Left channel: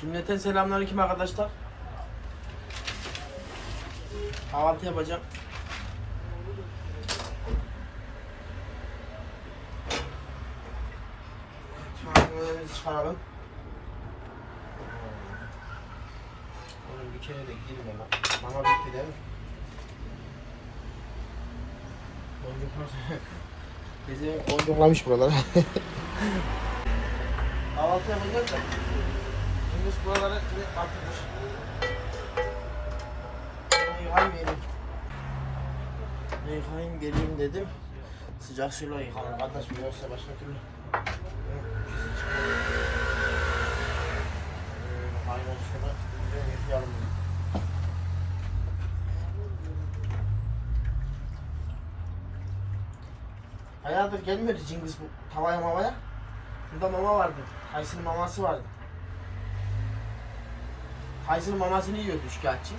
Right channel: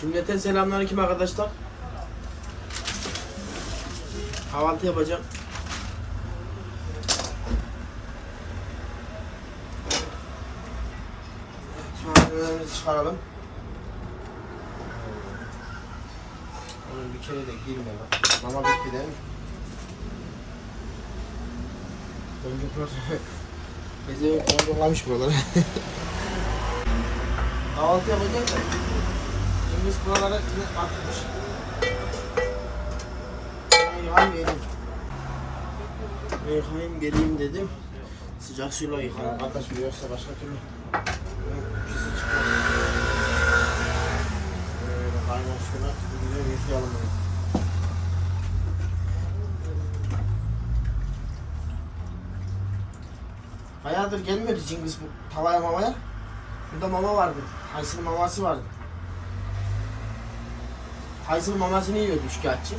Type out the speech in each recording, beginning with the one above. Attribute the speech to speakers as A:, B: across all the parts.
A: Cümleten selamünaleyküm arkadaşlar. Kahvaltı yapacağım. Malzemelerimizi çıkaralım. Onun bir kere de girme bak. Mama bitti değil mi? Boncuklar Bezi boncuklamış buraları. Kahvaltı yapacak da. Biz buralara yine atmış. Ben Yıkayayım geleyim. Ben Yıkayayım geleyim dedim. Sıcak suyla yıkanır kardeş bu yoksa başka türlü. Pisi çıkmaz. Kaynar suyla güzel yıkayalım bunu. Bayağıdır gelmiyordu Cengiz bu tavaya mamaya. Şurada mama vardı. Tyson maması vardı. Tyson mamasını yiyordu şikayetçi.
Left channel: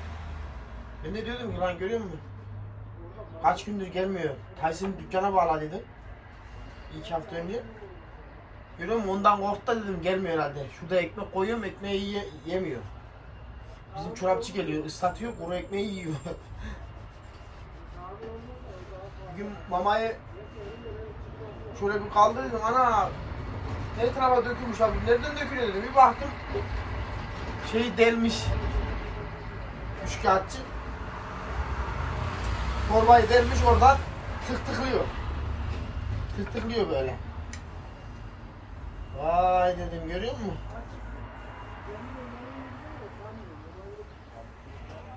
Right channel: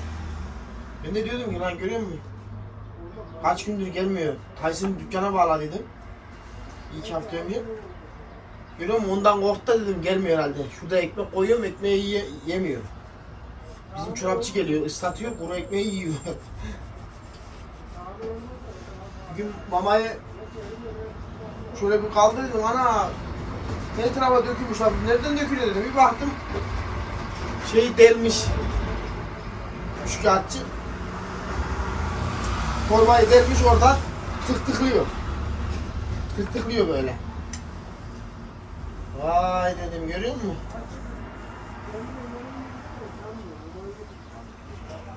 A: Ben de diyordum ki lan görüyor musun? Kaç gündür gelmiyor. Tyson dükkana bağladıydım. İki hafta önce. Görüyor musun? Ondan korktu dedim gelmiyor herhalde. Şurada ekmek koyuyorum ekmeği ye- yemiyor. Bizim çorapçı geliyor ıslatıyor kuru ekmeği yiyor. Bugün mamayı şöyle bir kaldı dedim ana her tarafa dökülmüş abi nereden dökülüyor dedim bir baktım şey delmiş şikayetçi torbayı delmiş oradan tık tıklıyor tık tıklıyor böyle. Vay dedim görüyor musun?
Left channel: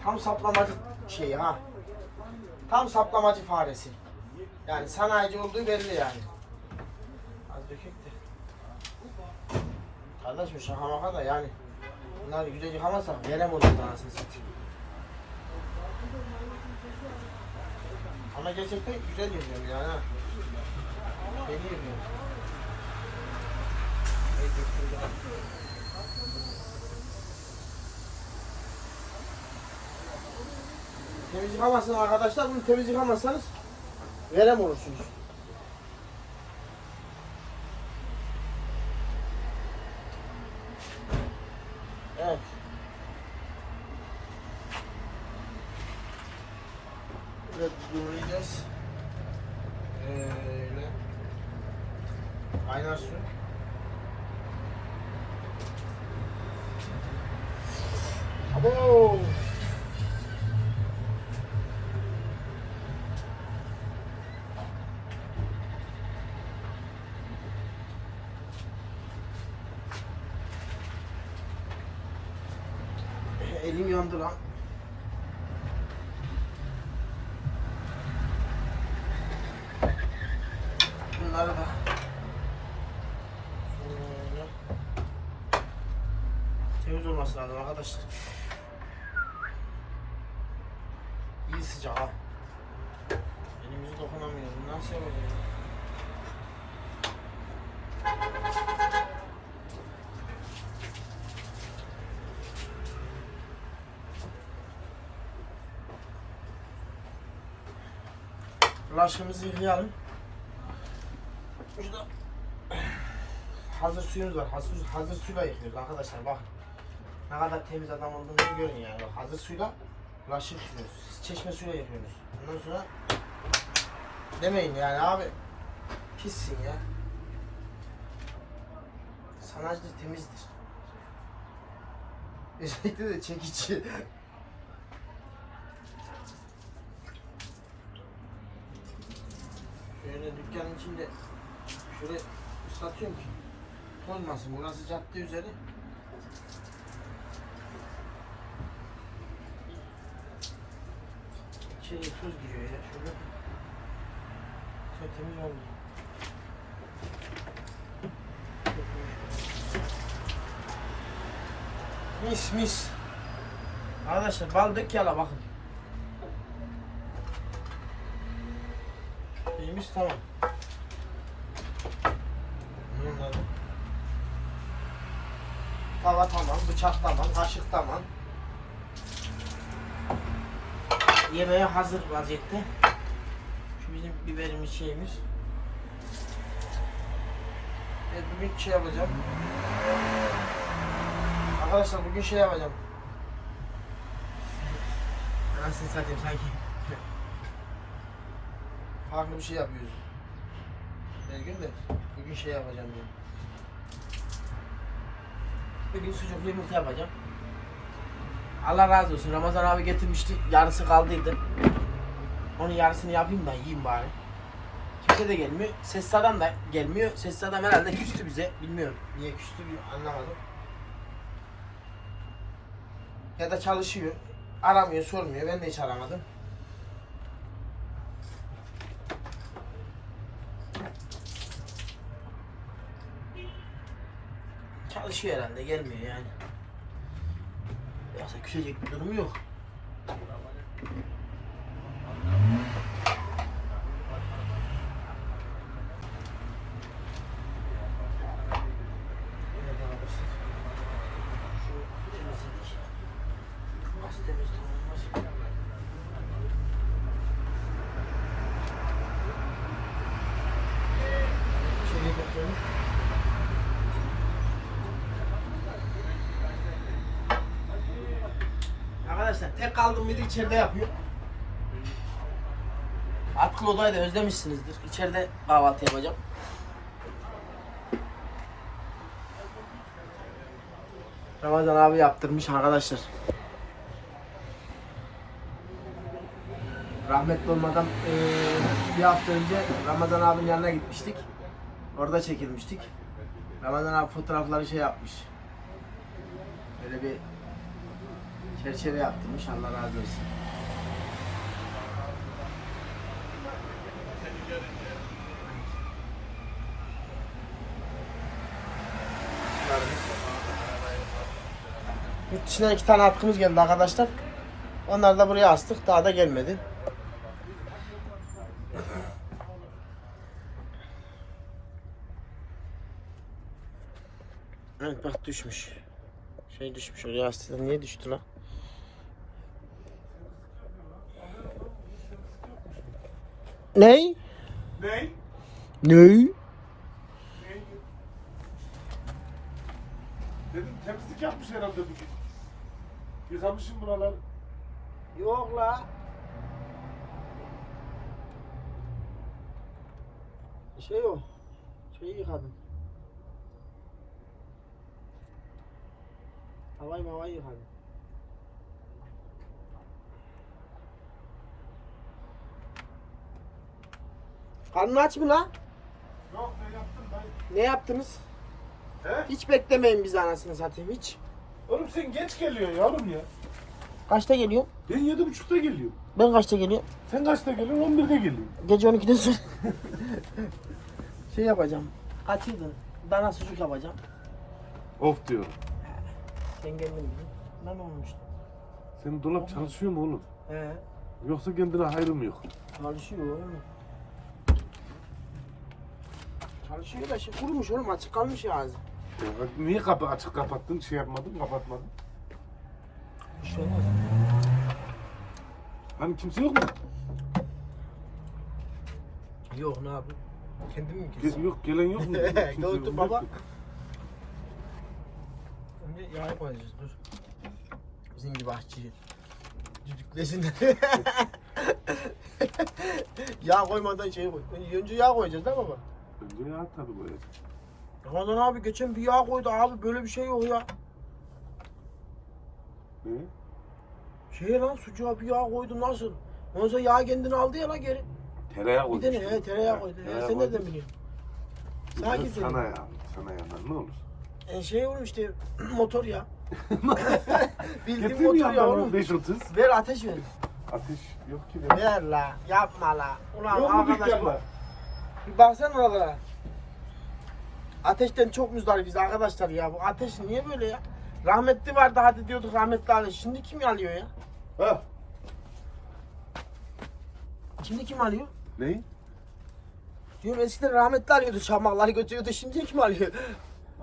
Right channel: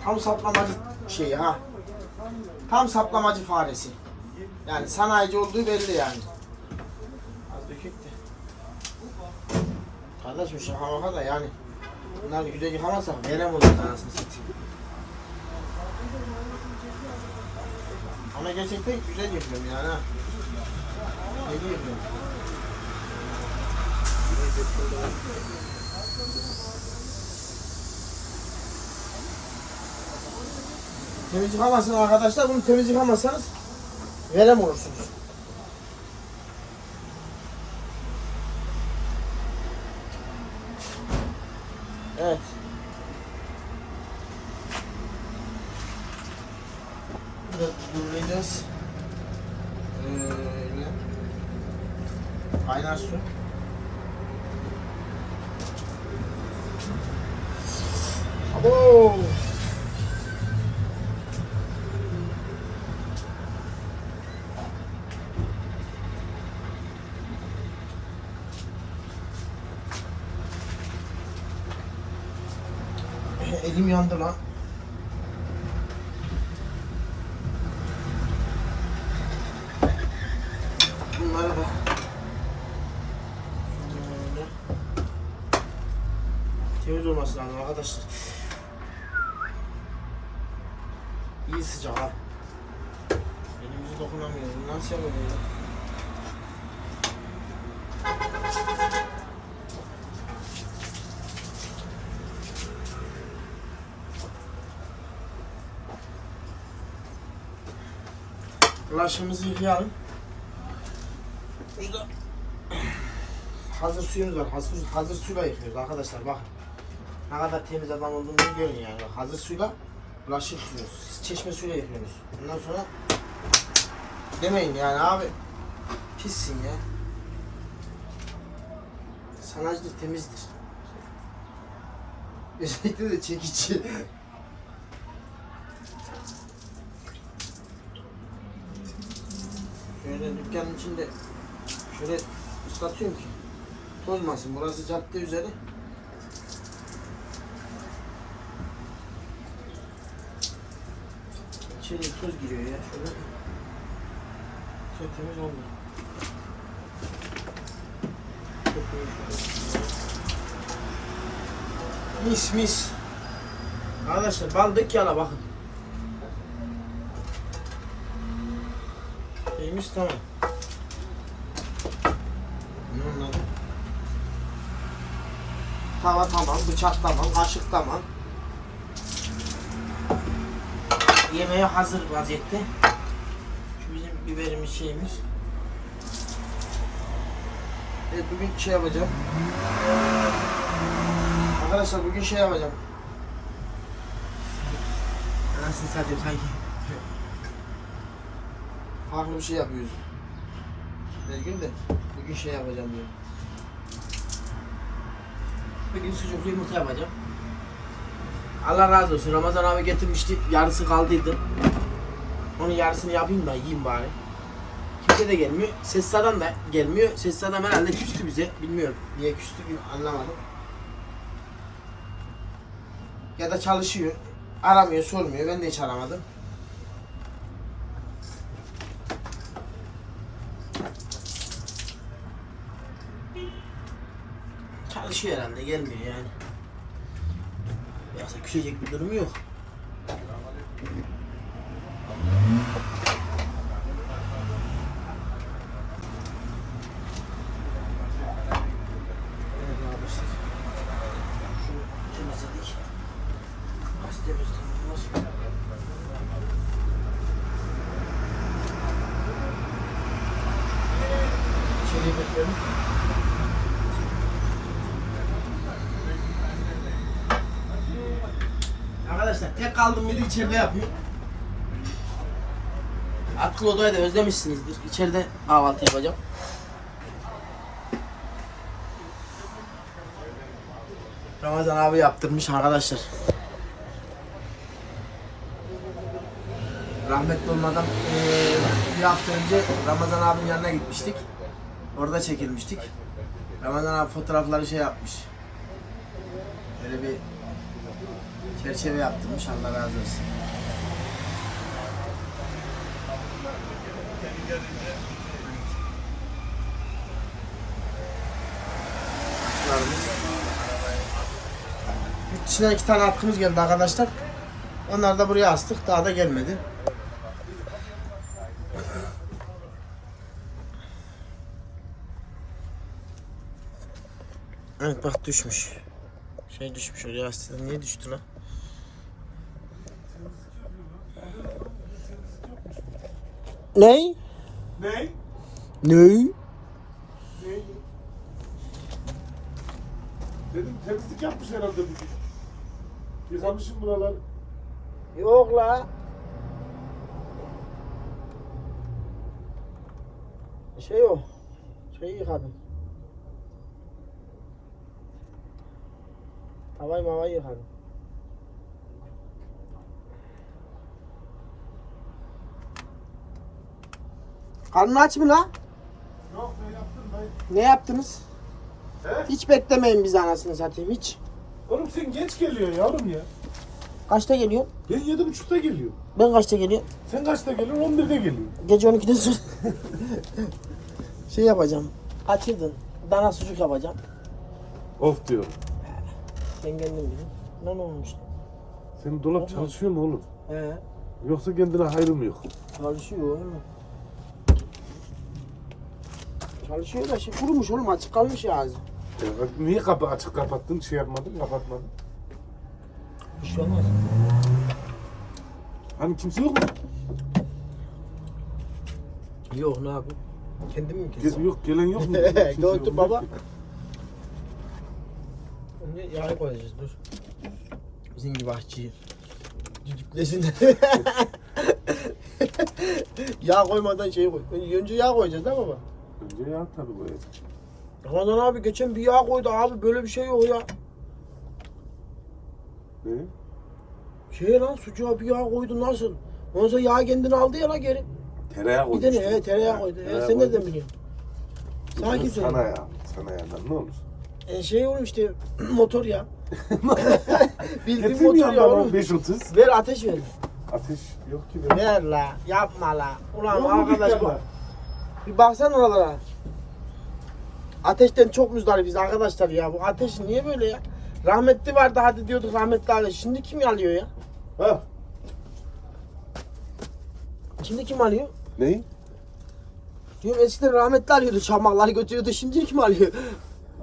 A: Tam saplamacı şey ha. Tam saplamacı faresi. Yani sanayici olduğu belli yani. Az döküktü. Kardeşim şaka maka da yani bunları güzel yıkamazsak verem oluruz anasını satayım. Ama gerçekten güzel yıkıyorum yani ha. Ne yıkıyorum? Temiz yıkamazsın arkadaşlar. Bunu temiz yıkamazsanız verem olursunuz. Evet. Biraz yuvarlayacağız. Öyle. Kaynar su. Elim yandı lan. Bunları da temiz olması lazım arkadaşlar. İyi sıcak ha. Elimizi dokunamıyoruz. Nasıl yapalım ya? Bulaşığımızı yıkayalım. Burada hazır suyumuz var. Hazır, hazır suyla yıkıyoruz arkadaşlar bakın. Ne kadar temiz adam olduğunu biliyorsun yani. Hazır suyla bulaşık yıkıyoruz. Çeşme suyla yıkıyoruz. Ondan sonra demeyin yani abi pissin ya. Sanayicidir temizdir. Özellikle de çekici. Şöyle dükkanın içinde şöyle ıslatıyorum ki tozmasın. Burası cadde üzeri. İçeriye toz giriyor ya şöyle. Temiz olmuyor. Mis mis. Arkadaşlar bal dök yala bakın. Şeyimiz tamam. Bunun adı. Tava tamam, bıçak tamam, kaşık tamam. Yemeğe hazır vaziyette. Şu bizim biberimiz şeyimiz. Evet bugün şey yapacağım. Arkadaşlar bugün şey yapacağım. Nasıl satayım sanki. Farklı bir şey yapıyoruz. Her gün de bugün şey yapacağım diyorum. Bugün sucuklu yumurta yapacağım. Allah razı olsun. Ramazan abi getirmişti. Yarısı kaldıydı. Onun yarısını yapayım da yiyeyim bari. Kimse de gelmiyor. Ses adam da gelmiyor. Ses adam herhalde küstü bize. Bilmiyorum. Niye küstü anlamadım. Ya da çalışıyor. Aramıyor, sormuyor. Ben de hiç aramadım. Çalışıyor herhalde. Gelmiyor yani. Yoksa küsecek bir durumu yok. Evet arkadaşlar. Şu temizledik. Gazetemiz tamamlar. İçeriye götürelim. Arkadaşlar tek kaldım biri içeride yapıyor. Akıl odayı da özlemişsinizdir. İçeride kahvaltı yapacağım. Ramazan abi yaptırmış arkadaşlar. Rahmetli olmadan bir hafta önce Ramazan abinin yanına gitmiştik. Orada çekilmiştik. Ramazan abi fotoğrafları şey yapmış. Böyle bir çerçeve yaptırmış. Allah razı olsun. Atkılarımız. Yurt dışından iki tane atkımız geldi arkadaşlar. Onları da buraya astık. Daha da gelmedi. Evet bak düşmüş. Şey düşmüş oraya aslında. Niye düştü lan? Ney?
B: Ne?
A: Ney?
B: Dedim temizlik yapmış herhalde dedi. Yıkamışım buralar.
A: Yok la. Şey yok. Şey yıkadım. Havayı mavayı yıkadım. Karnın aç mı la?
B: Yok ne yaptın dayı?
A: Ne yaptınız?
B: He?
A: Hiç beklemeyin biz anasını satayım hiç.
B: Oğlum sen geç geliyor yavrum ya.
A: Kaçta geliyor?
B: Ben yedi buçukta geliyorum.
A: Ben kaçta geliyorum?
B: Sen kaçta geliyorsun? On birde geliyorsun.
A: Gece 12'den sonra şey yapacağım. Kaçırdın. Dana sucuk yapacağım.
B: Of diyorum.
A: Ben kendim biliyorum. Ne olmuş?
B: Senin dolap çalışıyor mu oğlum?
A: He.
B: Yoksa kendine hayrı mı yok?
A: Çalışıyor oğlum. Çalışıyor da şey kurumuş oğlum açık kalmış ya ağzı.
B: Niye kapı açık kapattın? Şey yapmadın, kapatmadın.
A: Bir şey olmaz.
B: Hani kimse yok mu?
A: Yok ne yapayım? Kendim mi
B: Gel-
A: keseyim?
B: yok, gelen yok mu? Kimse yok
A: Gördüm
B: mu?
A: baba. Önce yağı koyacağız dur. Bizim gibi aşçıyı. Düdüklesin. yağ koymadan şeyi koy. Önce yağ koyacağız değil mi baba?
B: Önce ya tabii koyacak.
A: Ramazan abi geçen bir yağ koydu abi böyle bir şey yok ya.
B: Ne?
A: Şey lan sucuğa bir yağ koydu nasıl? Ondan sonra yağ kendini aldı ya lan geri.
B: Tereyağı
A: Bir
B: koymuş.
A: de ne? He, tereyağı koydu. He, sen nereden biliyorsun? Sakin söyle.
B: Sana ya. Sana ya. Ne olur.
A: E, şey oğlum işte motor ya. Bildiğin
B: Getir
A: motor ya
B: yandan o
A: oğlum.
B: 530?
A: Ver ateş ver.
B: Ateş yok ki be.
A: Ver la. Yapma la. Ulan
B: Yok mu
A: arkadaş bu.
B: dükkanda?
A: Bir baksana oralara. Ateşten çok müzdarifiz arkadaşlar ya. Bu ateş niye böyle ya? Rahmetli vardı hadi diyorduk rahmetli alıyor. Şimdi kim alıyor ya?
B: Ha?
A: Şimdi kim alıyor?
B: Neyi?
A: Diyorum eskiden rahmetli alıyordu çamakları götürüyordu şimdi kim alıyor?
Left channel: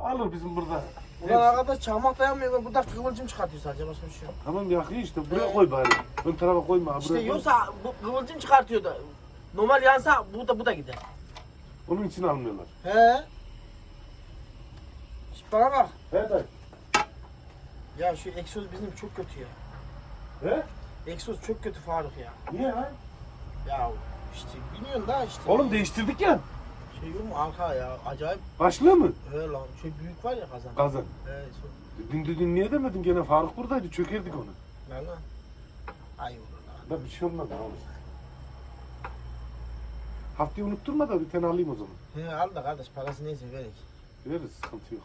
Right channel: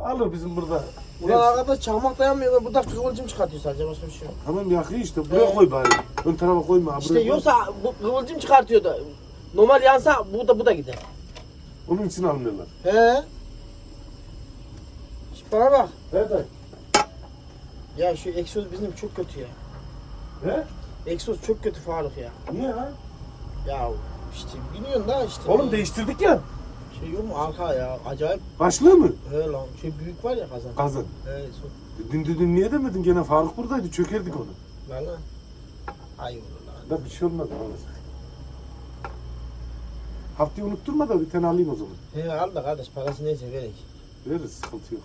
B: Alır bizim burada.
A: Ulan
B: Neyse.
A: arkadaş çamak dayanmıyor burada kıvılcım çıkartıyor sadece başka bir şey yok.
B: Tamam yakıyor işte. Buraya
A: He.
B: koy bari. Ön tarafa koyma.
A: İşte
B: buraya koy.
A: yoksa bu kıvılcım çıkartıyor da normal yansa bu da bu da gider.
B: Onun için almıyorlar.
A: He. Şş, Bana bak.
B: He dayı.
A: Ya şu egzoz bizim çok kötü ya.
B: He?
A: Egzoz çok kötü Faruk ya.
B: Niye ha?
A: Ya işte biliyorsun da işte.
B: Oğlum değiştirdik ya.
A: Şey yok mu arka ya acayip
B: Başlığı mı?
A: he lan şey büyük var ya kazan.
B: Kazan.
A: He so.
B: Dün dün niye demedin gene Faruk buradaydı çökerdik onu.
A: Valla. Ay olur lan.
B: Da bir şey olmaz alır. Haftayı unutturma da bir tane alayım o zaman.
A: He al da kardeş parası neyse verek.
B: Veririz sıkıntı yok.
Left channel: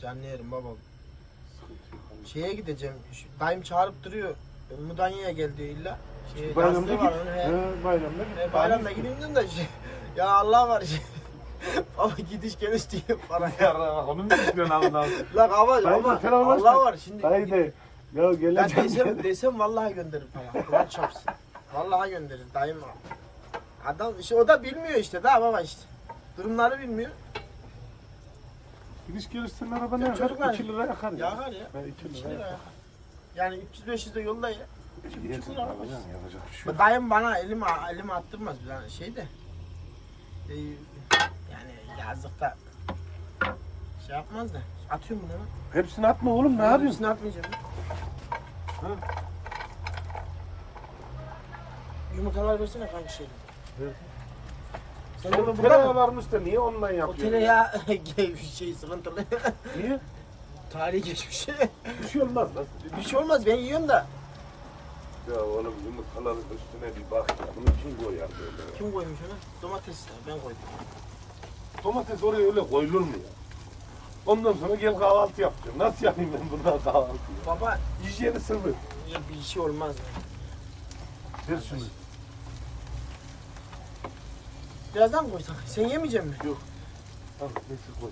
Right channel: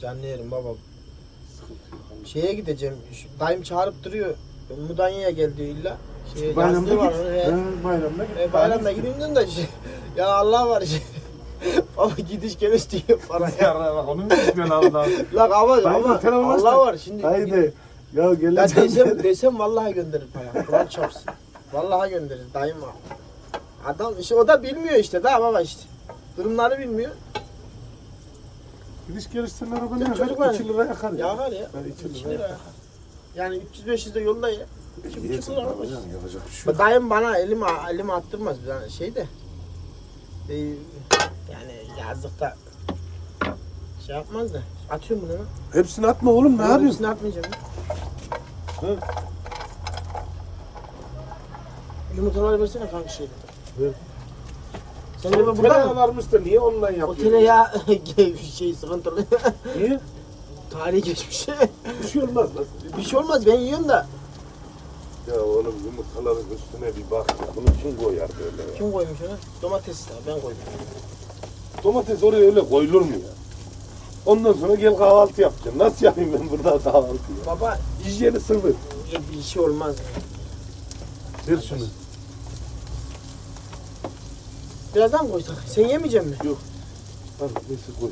A: Canlı yerim babam.
B: Sıkıntı yok.
A: Şeye gideceğim. Şu, dayım çağırıp duruyor. Mudanya'ya geldi diyor illa. Şey,
B: Bayramda
A: yazlığı
B: git.
A: var, he.
B: He, bayramda git.
A: E, bayramda gideyim diyorum da şey, ya Allah var şey. Baba gidiş geliş diyor para
B: Ya
A: ya.
B: bak onu mu istiyorsun Allah?
A: Lan ama
B: Dayı
A: ama
B: telefon
A: Allah var şimdi.
B: Dayı de. Ya
A: Ya
B: geleceğim.
A: desem, desem vallahi gönderir para. Kur'an çarpsın. Vallahi gönderir dayım var. Adam işte o da bilmiyor işte daha baba işte. Durumları bilmiyor.
B: Gidiş gelişten araba ne
A: Ya
B: yakar?
A: çocuklar-
B: 2 lira yakar ya.
A: Yakar ya.
B: Ben 2
A: İki
B: lira yakar.
A: Yani 300-500 de yolda ya.
B: Yesin
A: lira almış.
B: şey yok.
A: Dayım bana elim elim attırmaz yani şey de. e, yani yazlıkta şey yapmaz da. Atıyorum bunu.
B: Hepsini atma oğlum ne yapıyorsun?
A: Hepsini atmayacağım.
B: Hı?
A: Yumurtalar versene kanka şeyden.
B: Ver.
A: Sen de burada
B: Tereyağı
A: mı?
B: varmış da niye ondan
A: O
B: yapıyorsun?
A: tereyağı şey sıkıntılı.
B: Niye?
A: Tarihi geçmiş.
B: Bir şey olmaz lan.
A: bir şey olmaz ben yiyorum da.
B: Ya oğlum yumurtaların üstüne bir bak. Bunu kim koyar böyle ya?
A: Kim koymuş onu? Domates de ben koydum.
B: Domates oraya öyle koyulur mu ya? Ondan sonra gel kahvaltı yapacaksın. Nasıl yapayım ben burada kahvaltıyı?
A: Baba
B: Hijyeni sıfır.
A: bir şey olmaz.
B: Ver şunu.
A: Birazdan koysak. Sen yemeyecek misin?
B: Al, neyse koy.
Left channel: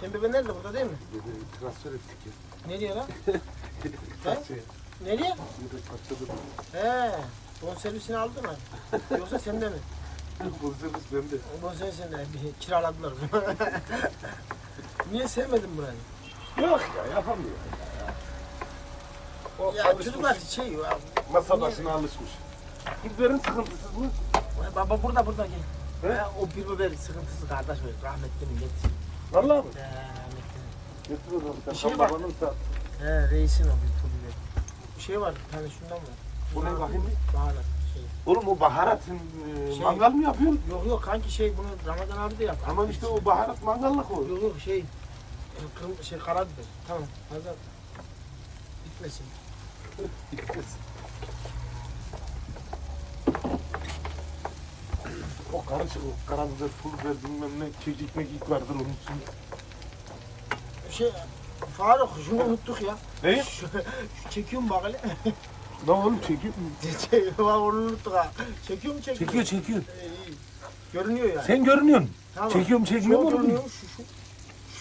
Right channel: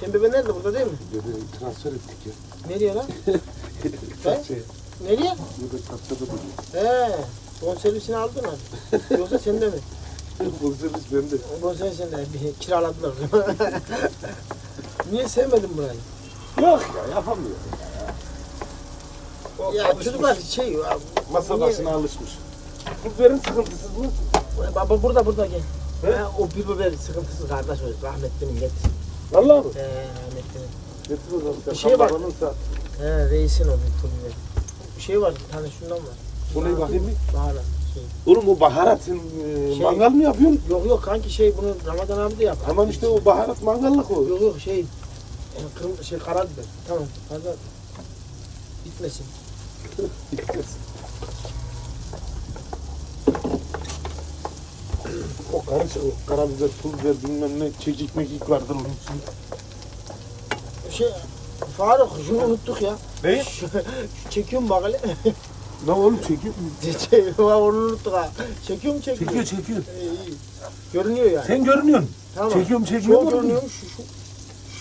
A: Senin bebe nerede burada değil mi?
B: Dedi transfer ettik ya.
A: Nereye lan?
B: Çarşıya.
A: Nereye?
B: Burada çarşıda duruyor.
A: He. Bonservisini aldın mı? Yoksa sende mi?
B: Bu servis bende.
A: Bonservis sende. Bir kiraladılar. Niye sevmedin burayı?
B: Yok ya yapamıyor.
A: Ya çocuklar şey ya.
B: Masa
A: niye-
B: başına alışmış. Kurtların sıkıntısız mı?
A: Baba burada burada gel.
B: He?
A: Ha, o bir biber sıkıntısı kardeş o rahmetlinin getir.
B: Vallahi mı?
A: He rahmetlinin.
B: Getir o zaman.
A: Bir şey var. He reisin o bir pul biber. Bir şey var bir tane şundan var.
B: Şurayı bakayım bir.
A: Baharat. Şey.
B: Oğlum o baharatın e,
A: Şey-
B: mangal mı yapıyorsun?
A: Yok yok kanki şey bunu Ramazan abi de yap.
B: Tamam işte o baharat mangallık o.
A: Yok yok şey kırm şey karabiber. Tamam fazla bitmesin.
B: o karışık o karabiber, pul biber bilmem ne çekik mekik vardır onun için.
A: Şey Faruk şunu unuttuk ya.
B: Ne?
A: Şu, şu çekiyorum bak hele.
B: Ne oğlum çekiyor?
A: Şey, onu unuttuk ha. Çekiyorum çekiyorum.
B: Çekiyor çekiyor.
A: İyi. Görünüyor yani.
B: Sen görünüyorsun.
A: tamam.
B: çekiyorum, çekiyorum,
A: Şu
B: görünüyor.
A: görünüyor şu şu.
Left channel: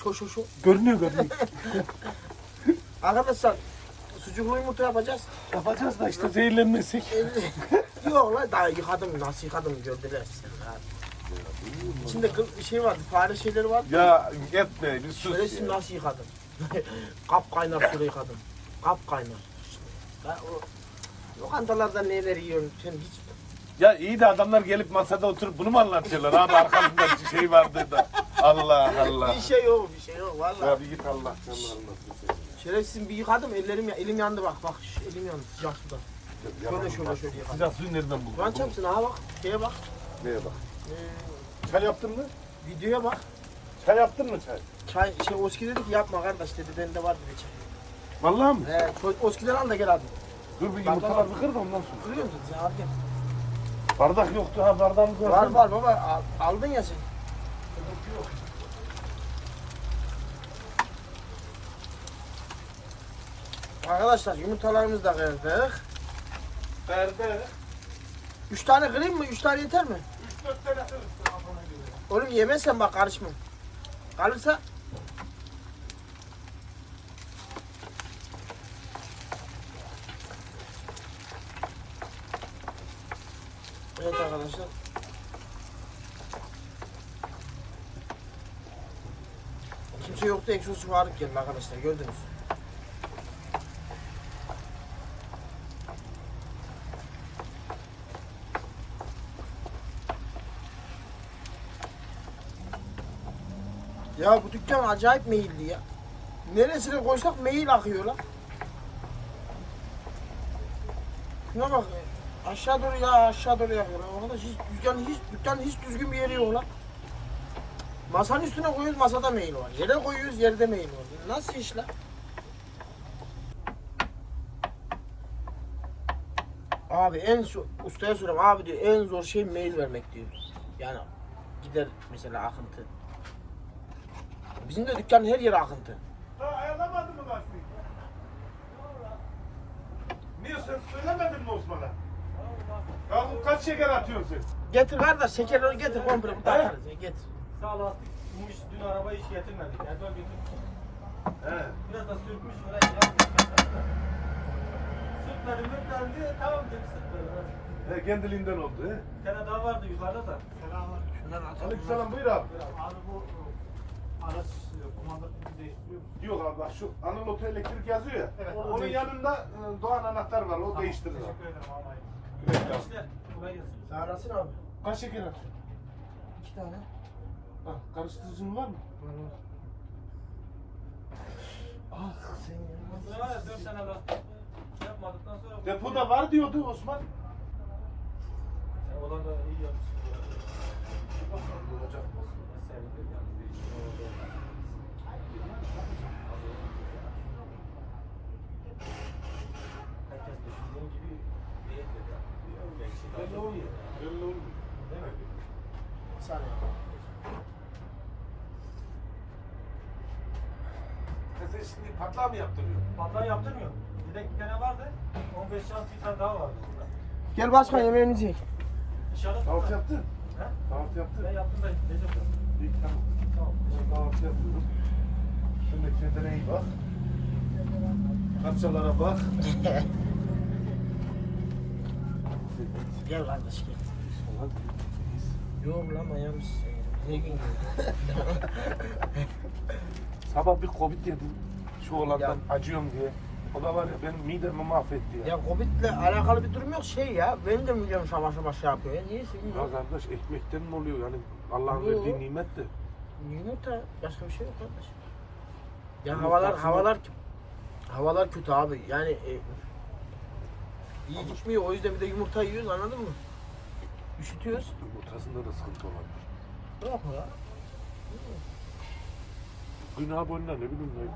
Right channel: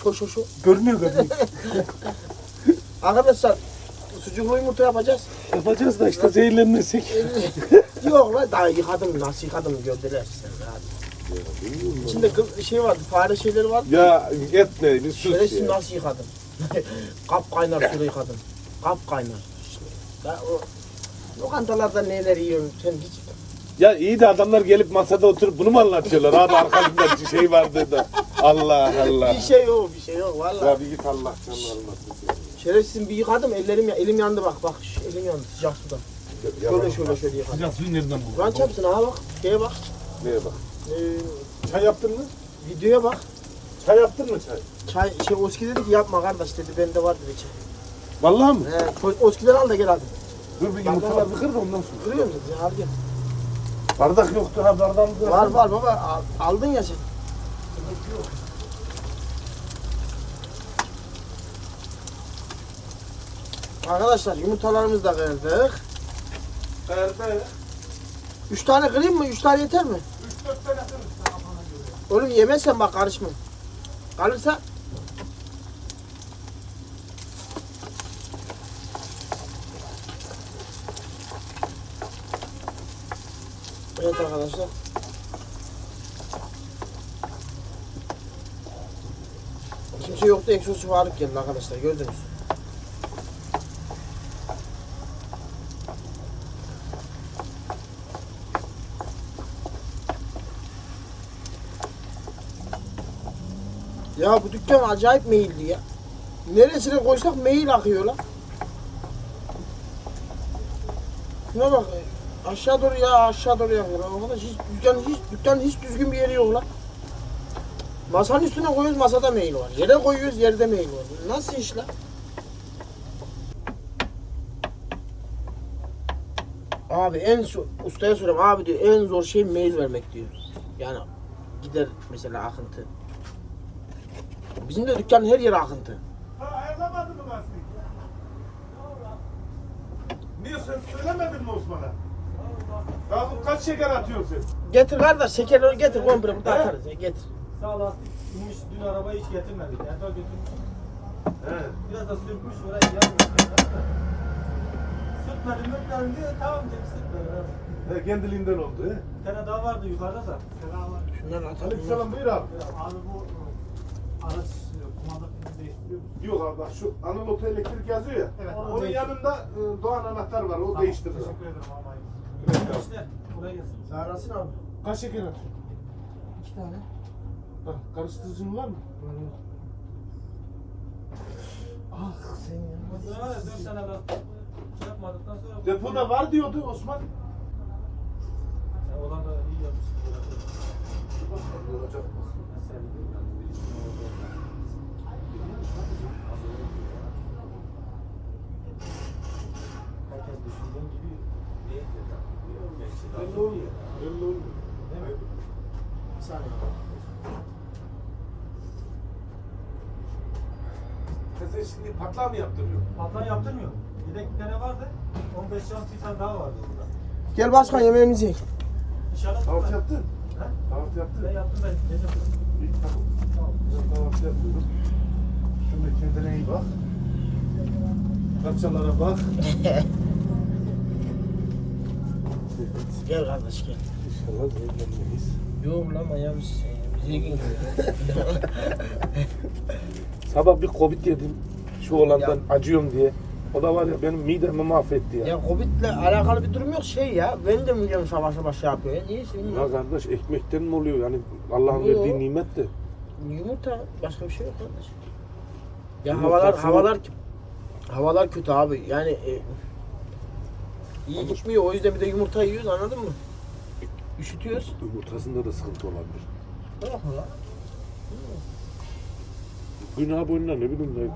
A: Şu şu şu.
B: Görünüyor görünüyor.
A: Arkadaşlar sucuklu yumurta yapacağız.
B: Yapacağız da işte zehirlenmesek.
A: Yok lan daha yıkadım nasıl yıkadım gördüler rahat. İçinde kıl- şey vardı fare şeyleri vardı.
B: Ya etme bir sus
A: Şerefsiz
B: ya.
A: nasıl yıkadım? Kap kaynar suyla yıkadım. Kap kaynar. Ben o lokantalarda neler yiyorum sen hiç
B: Ya iyi de adamlar gelip masada oturup bunu mu anlatıyorlar? Abi arkasında bir şey vardı da. Allah Allah.
A: bir şey yok bir şey yok vallahi.
B: Ya bir git Allah canını almasın seni.
A: Şerefsiz bir yıkadım ellerim ya elim yandı bak bak şu elim yandı sıcak suda. Şöyle şöyle şöyle yıkadım.
B: Sıcak suyu nereden buldun?
A: Kur'an çarpsın ha bak şeye bak.
B: Neye bak?
A: Ee,
B: Çay yaptın mı?
A: videoya bak.
B: Çay yaptın mı çay?
A: Çay şey Oski dedi ki yapma kardeş dedi bende var dedi çay.
B: Vallahi mı?
A: He, Oski'den al da gel abi.
B: Dur bir yumurtalar kır da ondan sonra.
A: Görüyor musun? Ya al gel.
B: Bardak yoktu ha bardağımız var.
A: Var var baba al- aldın ya sen. Arkadaşlar yumurtalarımızı da kırdık.
B: Nerede?
A: Üç tane kırayım mı? Üç tane yeter mi?
B: 3-4 tane kırız.
A: Oğlum yemezsen bak karışma. Kalırsa Evet arkadaşlar. Kimse yoktu. Eksosu Faruk geldi arkadaşlar. Gördünüz. Ya bu dükkan acayip meyilli ya. Neresine koysak mail akıyor lan. Şuna bak. e, Aşağı doğru ya aşağı doğru yakıyor. lan. Arkadaş hiç dükkan hiç dükkan hiç düzgün bir yeri yok lan. Masanın üstüne koyuyoruz masada mail var. Yere koyuyoruz yerde mail var. Nasıl iş lan? Abi en ustaya soruyorum abi diyor en zor şey mail vermek diyor. Yani gider mesela akıntı. Bizim de dükkanın her yeri akıntı.
B: Ha ayarlamadın mı lastiği? Niye sen söylemedin mi Osman'a? Ya kaç şeker atıyorsun sen?
A: Getir kardeş şekerleri getir komple burada atarız ya getir.
C: Sağ lastik inmiş dün arabayı hiç getirmedik. Erdal götürmüş.
B: He.
C: Biraz da sürtmüş orayı yapmış. Sürtmedi mürtmendi tamam dedim sürtmedi.
B: He kendiliğinden oldu he.
C: Bir tane daha vardı yukarıda da. Selamünaleyküm.
A: Şunları atalım.
B: Aleykümselam buyur abi.
C: Abi bu araç kumandasını değiştiriyor.
B: Yok abi bak şu Anıl Oto Elektrik yazıyor ya.
C: Evet.
B: Onun yanında e, Doğan anahtar var. O değiştirir. abi.
C: Teşekkür ederim abi.
B: Evet abi.
C: İşte buraya yazın.
A: Sağrasın abi.
B: Kaç şeker atıyorsun?
A: İki tane.
B: Bak karıştırıcın var mı?
A: Ah sen ya.
C: Daha dört tane yapmadıktan sonra.
B: Depoda var diyordu Osman.
C: Sen olan da iyi yapmışsın.
B: Patlağı mı yaptırıyorsun?
C: Patlan yaptırmıyor. Bir de bir tane vardı. 15 şans bir tane daha vardı orada.
A: Gel başkan yemeğimizi ye.
C: İnşallah
B: Kahvaltı
C: tutar.
B: yaptın.
C: Ha?
B: Kahvaltı yaptın.
C: Ben yaptım ben. Ne yapıyorum?
B: İyi tamam.
C: Tamam.
B: Ben kahvaltı yapıyorum. Şimdi kendine iyi bak. Parçalara bak.
A: Gel kardeş gel.
B: İnşallah zehirlenmeyiz.
A: Yok lan ya? Bize gidiyor.
B: Sabah bir Covid yedim. Şu olandan acıyorum diye. O da var ya benim midemi mahvetti ya.
A: ya Covid'le alakalı bir durum yok şey ya. Benim de midem savaş savaş şey yapıyor ya. Niye senin
B: Ya kardeş ekmekten mi oluyor yani Allah'ın
A: Yo.
B: verdiği nimet de.
A: Yumurta başka bir şey yok kardeş. Ya
B: Yumurtası-
A: havalar havalar havalar kötü abi. Yani e, iyi gitmiyor. O yüzden bir de yumurta yiyoruz anladın mı? Üşütüyoruz.
B: Yumurtasında da sıkıntı olabilir.
A: Yok mu ya?
B: Günah boyuna ne bileyim ne.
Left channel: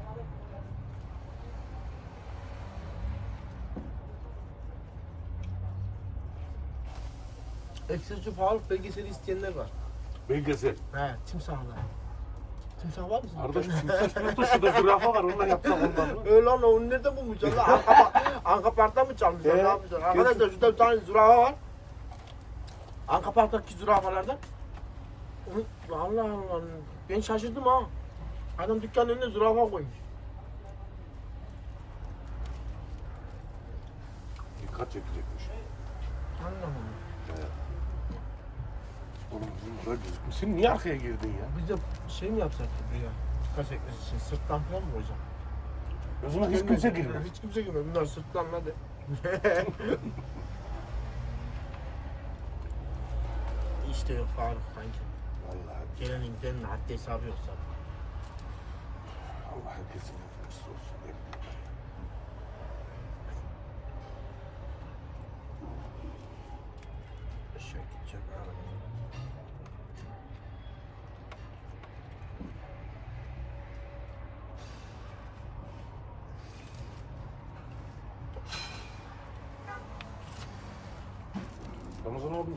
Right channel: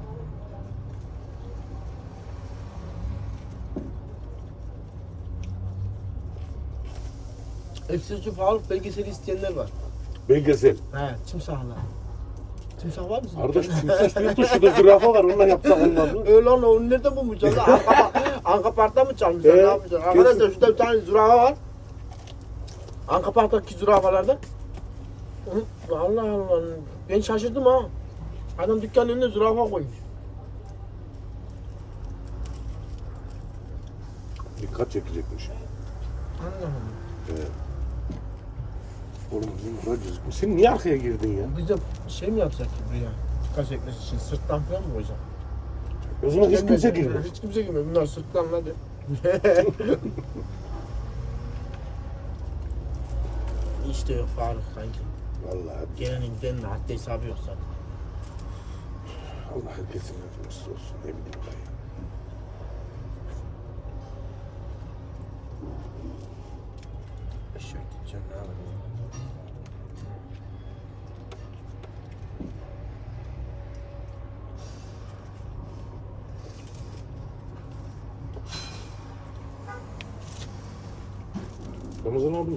A: Ekstrası sağlık belgeseli isteyenler var.
B: Belgesel.
A: He, timsahlar. Timsah var mı? sizin?
B: Kardeş timsah diyor da şurada zürafa var onunla yapsak olmaz mı?
A: Öyle lan onu nereden lan? Anka, Anka Park'ta mı çalmışlar?
B: Ee,
A: ne yapmışlar? Arkadaşlar şurada bir tane zürafa var. Anka Park'taki zürafalardan. Onu, Allah Allah. Ben şaşırdım ha. Adam dükkanın önüne zürafa koymuş.
B: Dikkat çekecekmiş.
A: Allah Allah.
B: Oğlum bizim. Sen niye arkaya girdin ya?
A: Biz de şey mi yapsak ki buraya? Kaç ekmesi için sırttan falan mı koyacak?
B: O zaman hiç kimse girmez.
A: Hiç kimse girmez. Bunlar sırttan hadi. işte yok Faruk kanki.
B: Vallahi
A: Gelenin gidenin de haddi hesabı yok zaten.
B: Allah herkesin yardımcısı olsun ne bileyim ben ya.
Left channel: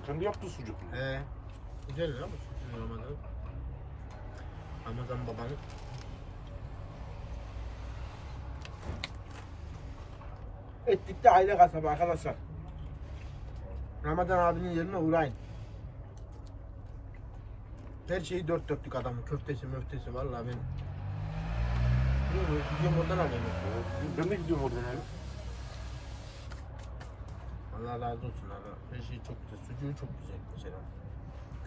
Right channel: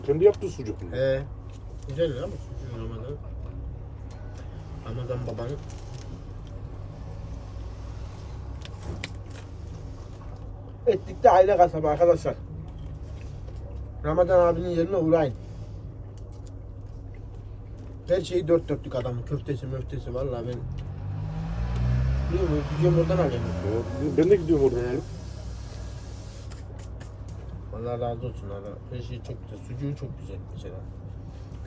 A: Abi
B: kendi yaptığı sucuk mu?
A: He. Güzel ya bu sucuk Ramazan. Ramazan babanın. Ettik de aile kasabı arkadaşlar. Ramazan abinin yerine uğrayın. Her şeyi dört dörtlük adamın. Köftesi möftesi vallahi ben Bilmiyorum, gideyim oradan alayım.
B: Ben de gidiyorum orada.
A: He. Allah razı olsun abi. Her şey çok güzel. Sucuğu çok güzel mesela.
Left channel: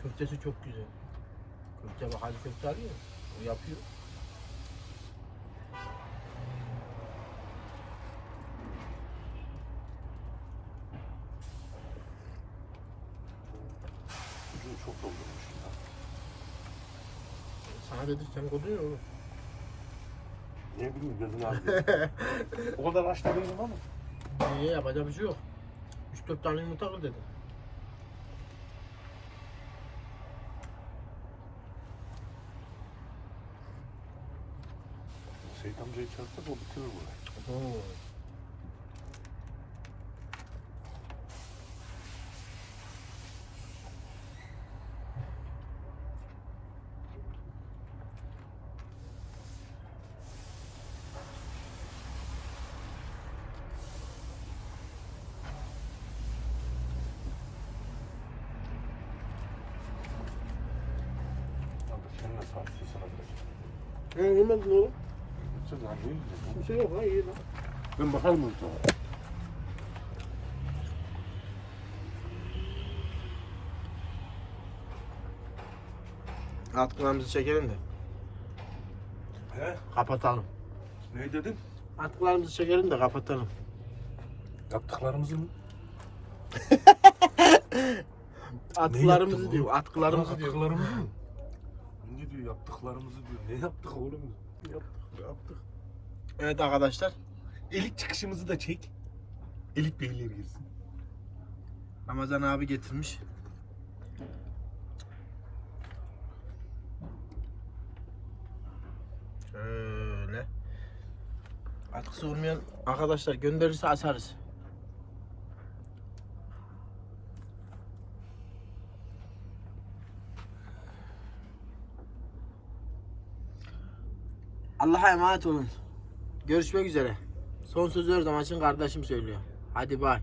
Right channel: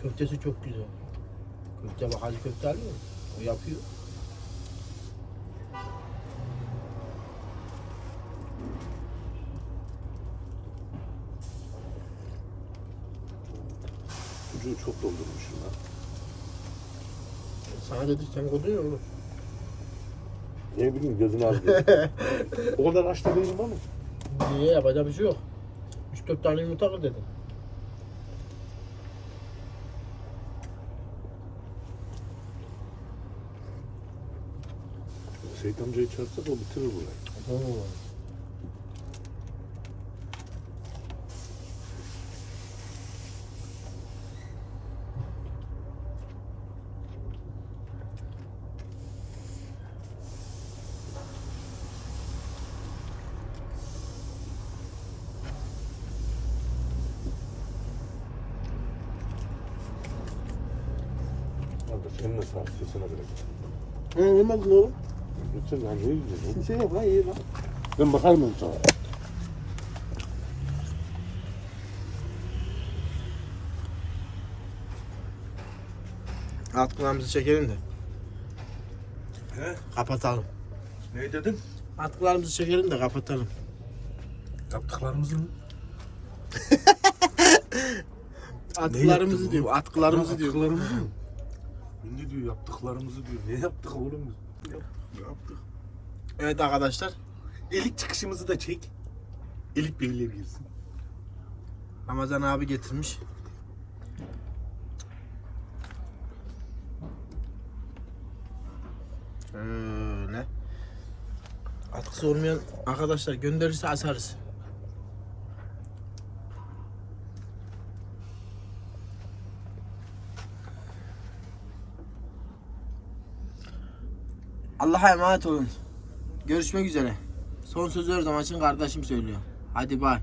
A: Köftesi çok güzel. Köfte bak hacı köfte alıyor. O yapıyor.
B: Sucuğu çok doldurmuşum lan.
A: Sana dedi sen koydun ya oğlum.
B: Ne bileyim gözünü ağrıyor. o kadar açta değilim ama.
A: Niye yapacak bir şey yok. 3-4 tane yumurta kır dedim.
B: Seyit amcayı çağırsak o bitirir burayı. Abi seninle sağlıkçısına vereceğim.
A: He yemedin oğlum.
B: Lütfen lan ne yiyeceksin?
A: Bir şey yok lan iyi lan.
B: Ben bakarım onu sana.
A: Atkılarımızı çekelim de
B: He?
A: kapatalım.
B: Ne dedin?
A: Atkılarımızı çekelim de kapatalım.
B: Yaptıklarımızın
A: Atkılarımızı
B: yaptın
A: diyor, atkılarımızı diyor.
B: Yaptıklarımızı mı? Ne diyor yaptıklarımızı diyor. Ne yaptık oğlum? Yaptık. yaptık.
A: Evet arkadaşlar.
B: İlk çıkışımızı da çek. İlk birliğe girsin.
A: Ramazan abi getirmiş. Şöyle. Atkısı olmayan arkadaşlar gönderirse asarız. Allah'a emanet olun. Görüşmek üzere. Son sözü her zaman için kardeşim söylüyor. Hadi bay.